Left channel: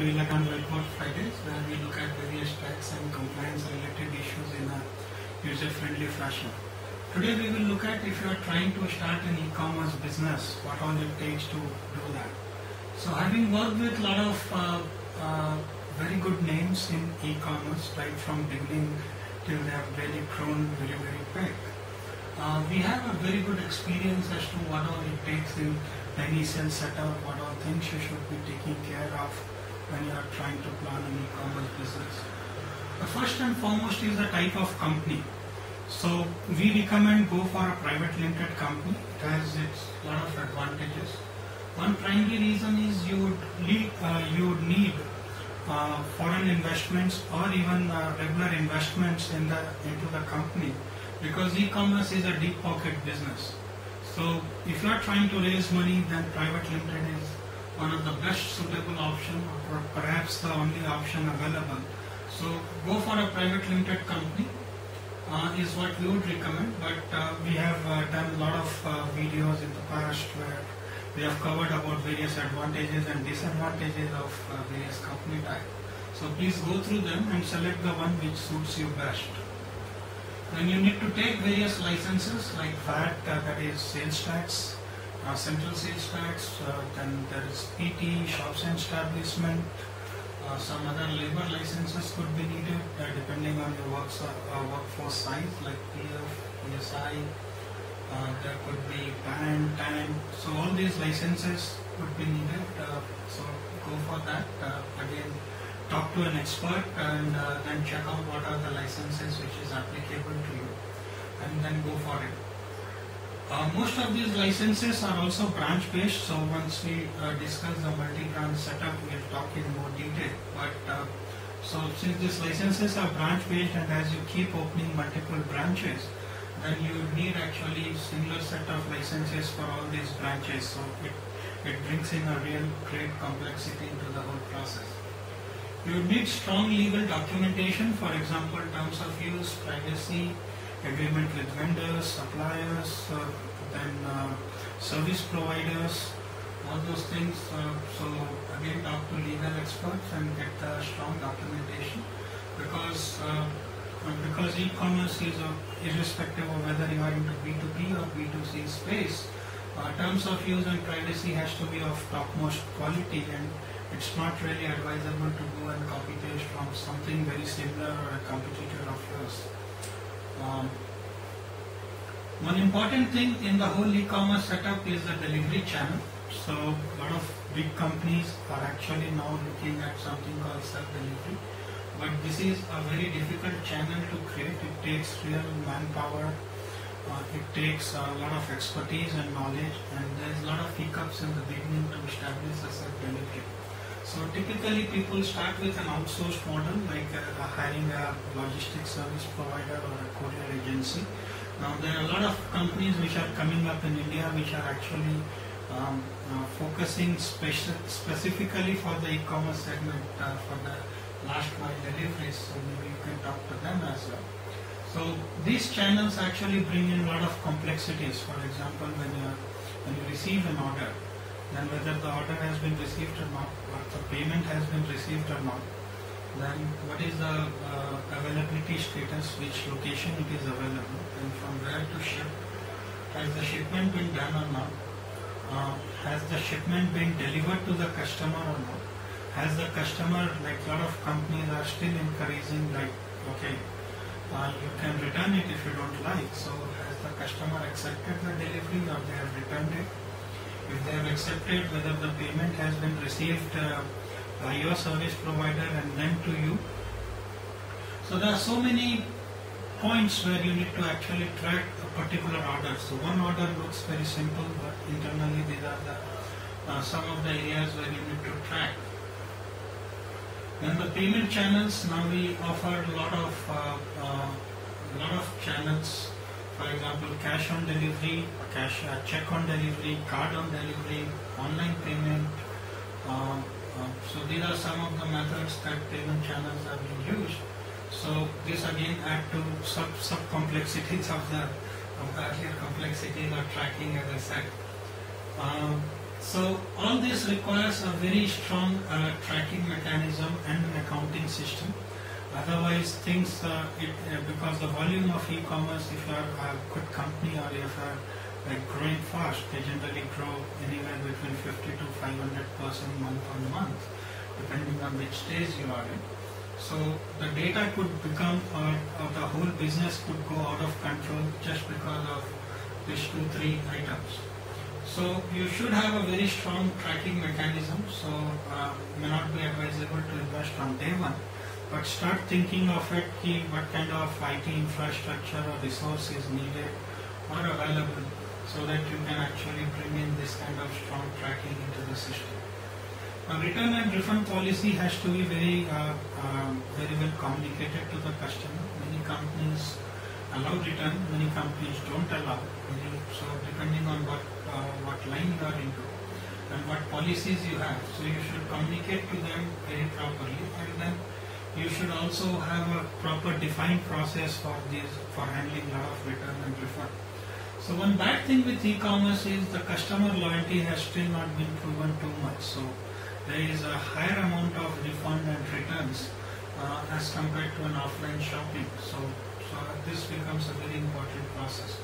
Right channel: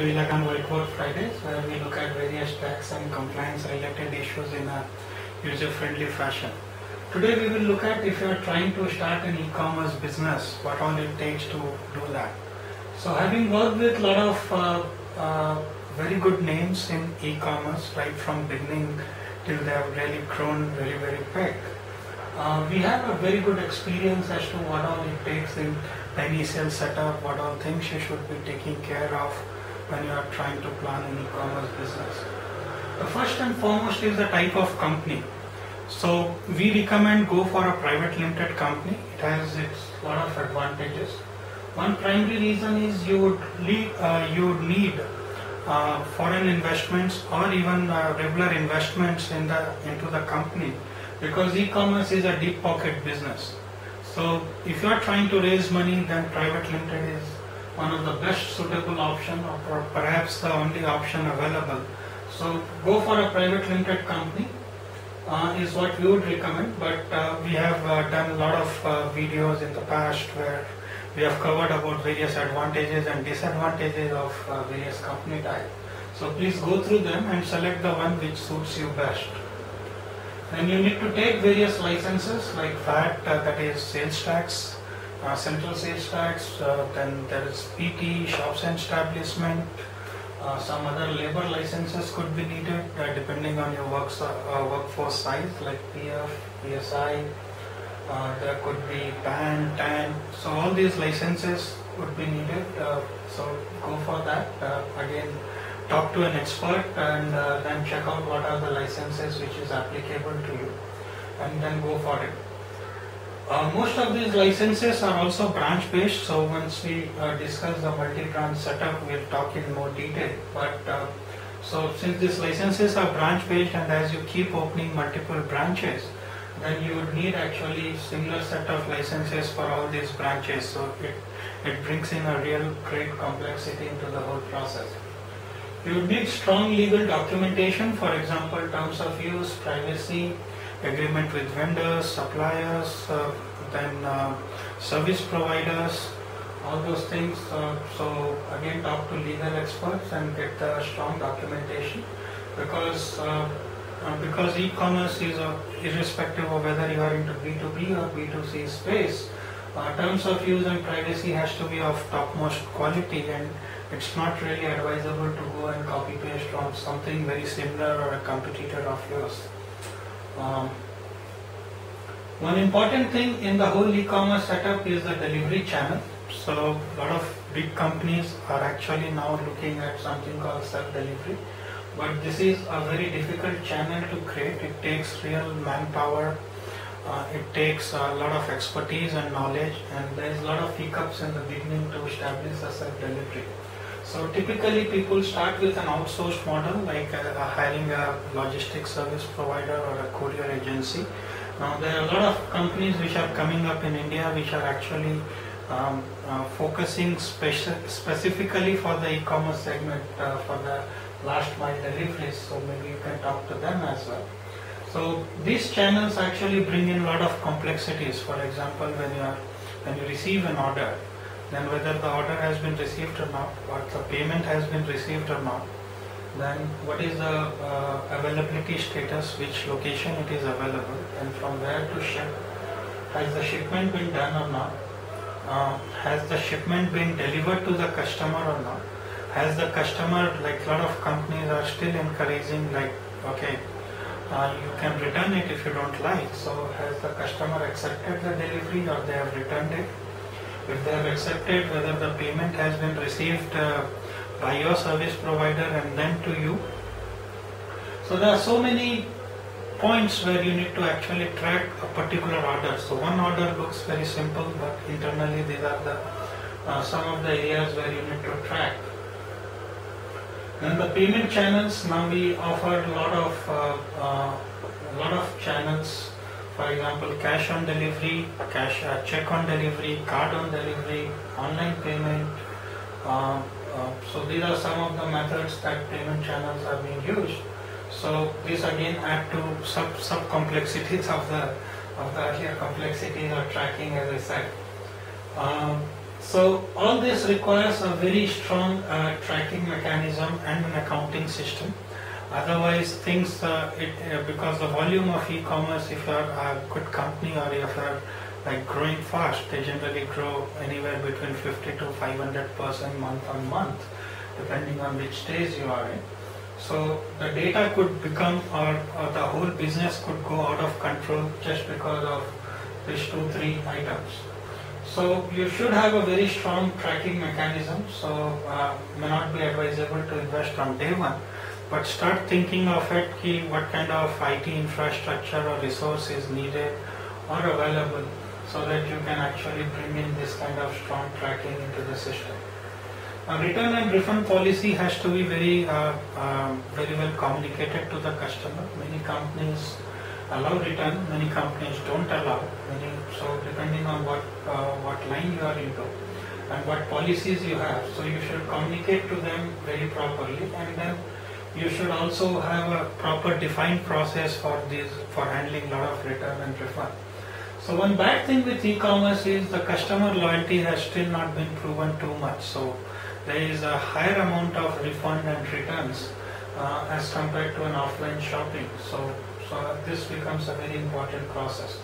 to Ilakan Whiteboard Fridays, where we look at various tax and compliance related issues in a user-friendly fashion. Today we will look at if you are trying to start an e-commerce business, what all it takes to do that. So having worked with a lot of very good names in e-commerce, right from beginning till they have really grown very, very big, we have a very good experience as to what all it takes in the initial setup, what all things you should be taking care of when you are trying to plan an e-commerce business. The first and foremost is the type of company. So we recommend go for a private limited company. It has its lot of advantages. One primary reason is you would need foreign investments or even regular investments into the company, because e-commerce is a deep pocket business. So if you are trying to raise money, then private limited is one of the best suitable option, or perhaps the only option available. So go for a private limited company is what we would recommend, but we have done a lot of videos in the past where we have covered about various advantages and disadvantages of various company type. So please go through them and select the one which suits you best. Then you need to take various licenses like VAT, that is sales tax, central sales tax, then there is PT, shops and establishment, some other labor licenses could be needed depending on your workforce size, like PF, PSI, there could be PAN, TAN, so all these licenses would be needed, so go for that. Again, talk to an expert and then check out what are the licenses which is applicable to you, and then go for it. Most of these licenses are also branch based, so once we discuss the multi-branch setup, we'll talk in more detail. But so since these licenses are branch based, and as you keep opening multiple branches, then you would need actually similar set of licenses for all these branches, so it brings in a real great complexity into the whole process. You would need strong legal documentation, for example, terms of use, privacy, agreement with vendors, suppliers, then service providers, all those things. So again, talk to legal experts and get the strong documentation, because e-commerce is irrespective of whether you are into B2B or B2C space, terms of use and privacy has to be of topmost quality, and it's not really advisable to go and copy paste from something very similar or a competitor of yours. One important thing in the whole e-commerce setup is the delivery channel. So a lot of big companies are actually now looking at something called self-delivery, but this is a very difficult channel to create. It takes real manpower, it takes a lot of expertise and knowledge, and there is a lot of hiccups in the beginning to establish a self-delivery. So typically people start with an outsourced model, like hiring a logistics service provider or a courier agency. Now there are a lot of companies which are coming up in India which are actually focusing specifically for the e-commerce segment, for the last mile deliveries, so maybe you can talk to them as well. So these channels actually bring in a lot of complexities. For example, when you receive an order, then whether the order has been received or not, or the payment has been received or not, then what is the availability status, which location it is available, and from where to ship, has the shipment been done or not, has the shipment been delivered to the customer or not, has the customer, like a lot of companies are still encouraging, like, okay, you can return it if you don't like, so has the customer accepted the delivery or they have returned it? If they have accepted, whether the payment has been received by your service provider and then to you. So there are so many points where you need to actually track a particular order. So one order looks very simple, but internally these are the some of the areas where you need to track. Then the payment channels, now we offer a lot of channels. For example, cash on delivery, check on delivery, card on delivery, online payment. So these are some of the methods that payment channels are being used. So this again add to sub complexities of the earlier complexities of tracking, as I said. So all this requires a very strong tracking mechanism and an accounting system. Otherwise, because the volume of e-commerce, if you are a good company or if you are like growing fast, they generally grow anywhere between 50 to 500% month on month, depending on which stage you are in. So the data could become, or the whole business could go out of control just because of these 2-3 items. So you should have a very strong tracking mechanism. So may not be advisable to invest on day one, but start thinking of it, what kind of IT infrastructure or resource is needed or available, so that you can actually bring in this kind of strong tracking into the system. Return and refund policy has to be very well communicated to the customer. Many companies allow return, many companies don't allow. So depending on what line you are into and what policies you have, so you should communicate to them very properly, and then you should also have a proper defined process for handling a lot of return and refund. So one bad thing with e-commerce is the customer loyalty has still not been proven too much. So there is a higher amount of refund and returns as compared to an offline shopping. So this becomes a very important process.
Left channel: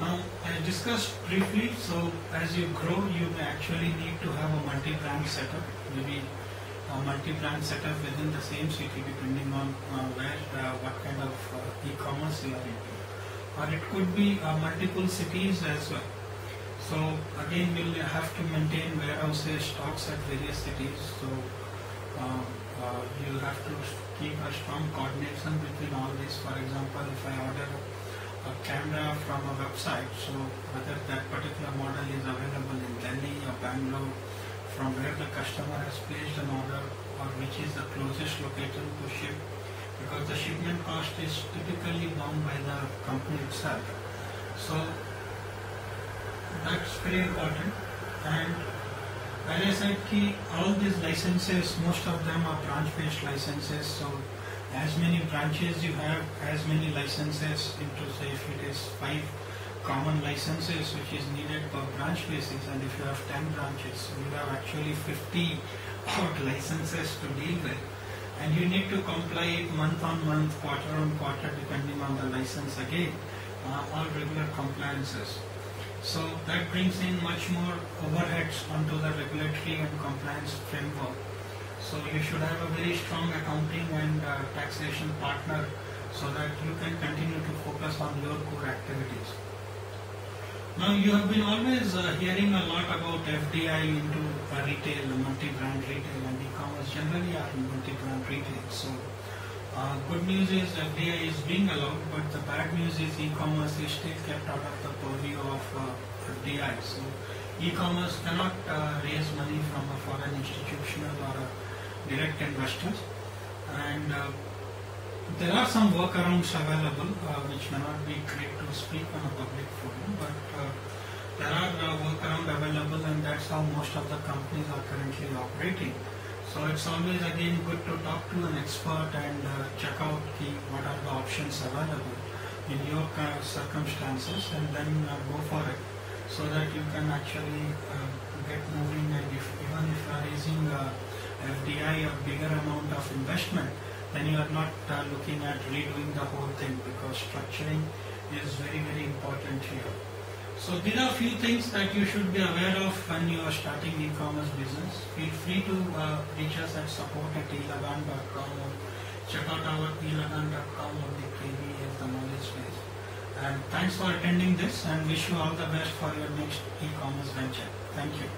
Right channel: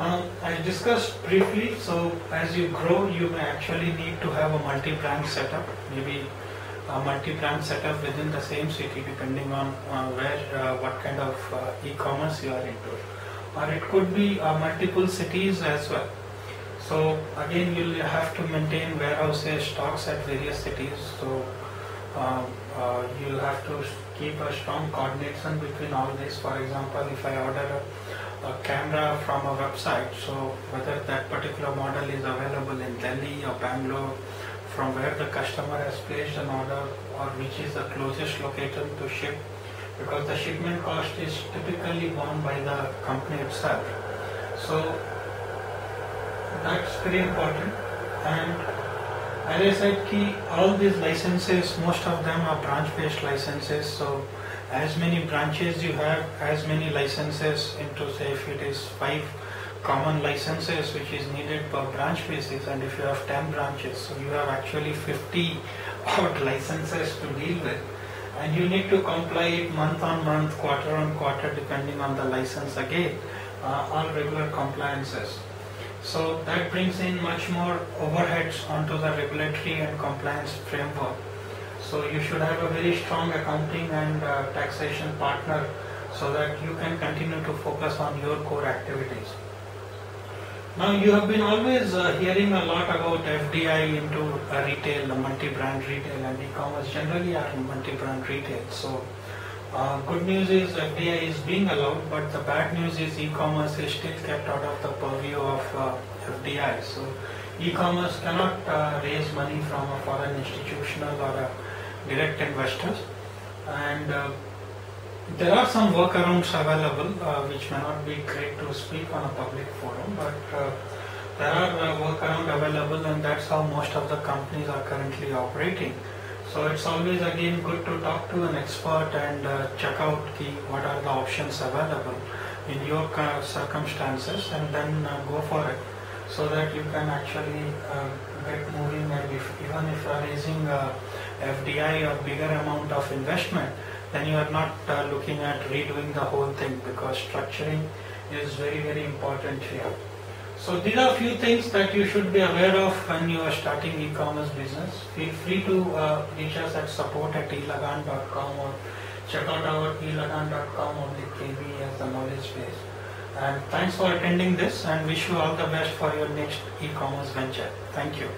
I discussed briefly, so as you grow, you may actually need to have a multi-brand setup, maybe a multi-brand setup within the same city, depending on what kind of e-commerce you are into. Or it could be multiple cities as well. So again, you'll have to maintain warehouses, stocks at various cities. So you'll have to keep a strong coordination between all this. For example, if I order a camera from a website, so whether that particular model is available in Delhi or Bangalore, from where the customer has placed an order, or which is the closest location to ship, because the shipment cost is typically borne by the company itself. So that's very important. And as I said, all these licenses, most of them are branch-based licenses. So as many branches you have, as many licenses into, say, if it is 5 common licenses which is needed per branch basis, and if you have 10 branches, so you have actually 50 odd licenses to deal with, and you need to comply month on month, quarter on quarter, depending on the license again, all regular compliances. So that brings in much more overheads onto the regulatory and compliance framework. So you should have a very strong accounting and taxation partner, so that you can continue to focus on your core activities. Now you have been always hearing a lot about FDI into retail, multi-brand retail, and e-commerce generally are multi-brand retail. So good news is FDI is being allowed, but the bad news is e-commerce is still kept out of the purview of FDI. So e-commerce cannot raise money from a foreign institutional or a direct investors, and there are some workarounds available which may not be great to speak on a public forum, but there are workarounds available, and that's how most of the companies are currently operating. So it's always again good to talk to an expert and check out what are the options available in your circumstances, and then go for it, so that you can actually get moving. And even if you are raising FDI or bigger amount of investment, then you are not looking at redoing the whole thing, because structuring is very, very important here. So these are a few things that you should be aware of when you are starting e-commerce business. Feel free to reach us at support@elagan.com, or check out our elagan.com/kb as the knowledge base. And thanks for attending this, and wish you all the best for your next e-commerce venture. Thank you.